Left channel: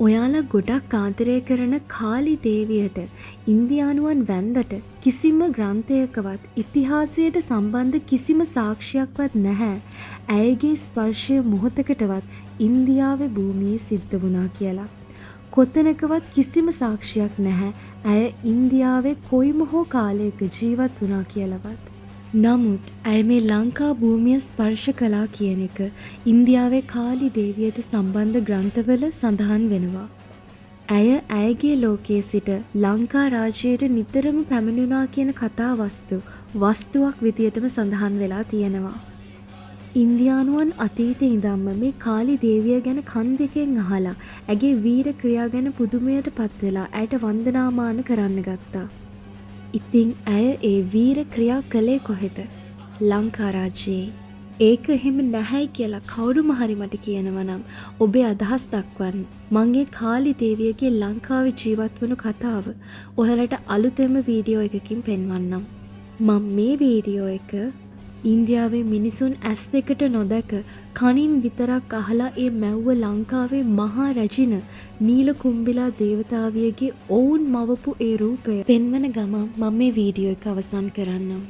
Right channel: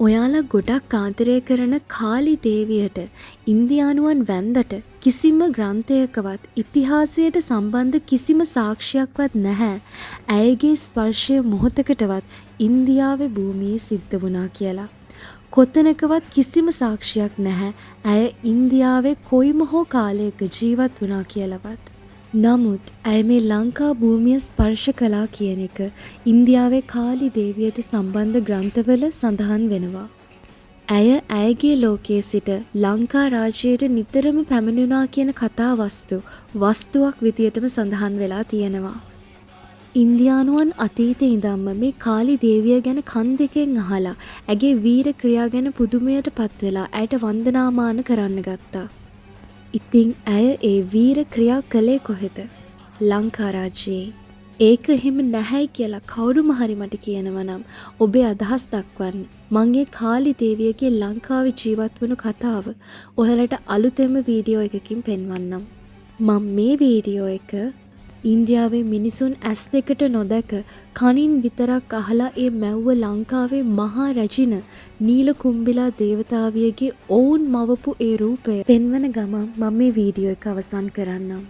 ඔයාලා ගොඩක් ආදරය කරන කාලි දේවියට ඉන්දියානුවන් වැන්දට කිසිම ග්‍රන්ථයකවත් ඉතිහාසයට සම්බන්ධ කිසිම සාක්ෂියක්වත් නැහැ. ඇයගේ ස්පර්ශය මොහොතකටවත් ඉන්දියාවේ භූමියේ සිද්ධ වුණා කියලා. කොතනකවත් කිසිම සාක්ෂියක් නැහැ. ඇය ඉන්දියාවේ කොයිම හෝ කාලයක ජීවත් වුණා කියලාවත්. නමුත් ඇය මේ ලංකා භූමිය ස්පර්ශ කළා කියන එක ඉන්දියාවේ කාලි දේවියට සම්බන්ධ ග්‍රන්ථවල සඳහන් වෙනවා. ඇය ඇයගේ ලෝකයේ සිට ලංකා රාජ්‍යයට නිතරම පැමිණුණා කියන කතා වස්තුවක් විදියටම සඳහන් වෙලා තියෙනවා. ඉන්දියානුවන් අතීතයේ ඉඳන්ම මේ කාලි දේවිය ගැන කන් දෙකෙන් අහලා ඇගේ වීර ක්‍රියා ගැන පුදුමයට පත් වෙලා ඇයට වන්දනාමාන කරන්න ගත්තා. ඉතින් ඇය ඒ වීර ක්‍රියා කළේ කොහෙද? ලංකා රාජ්‍යයේ. ඒක එහෙම නැහැයි කියලා කවුරුම හරි මට කියනවා නම් ඔබේ අදහස් දක්වන්න. මම ඒ කාලි දේවියගේ ලංකාවේ ජීවත් වුණු කතාව ඔයාලට අලුතෙන්ම වීඩියෝ එකකින් පෙන්වන්නම්. මම මේ වීඩියෝ එක ඉන්දියාවේ මිනිසුන් ඇස් දෙකට නොදැක කනින් විතරක් අහලා ඒ මැව්ව ලංකාවේ මහා රැජින නීල කුම්බිලා දේවතාවියගේ ඔවුන් මවපු ඒ රූපය පෙන්වන ගමන් මම මේ වීඩියෝ එක අවසන් කරන්නම්.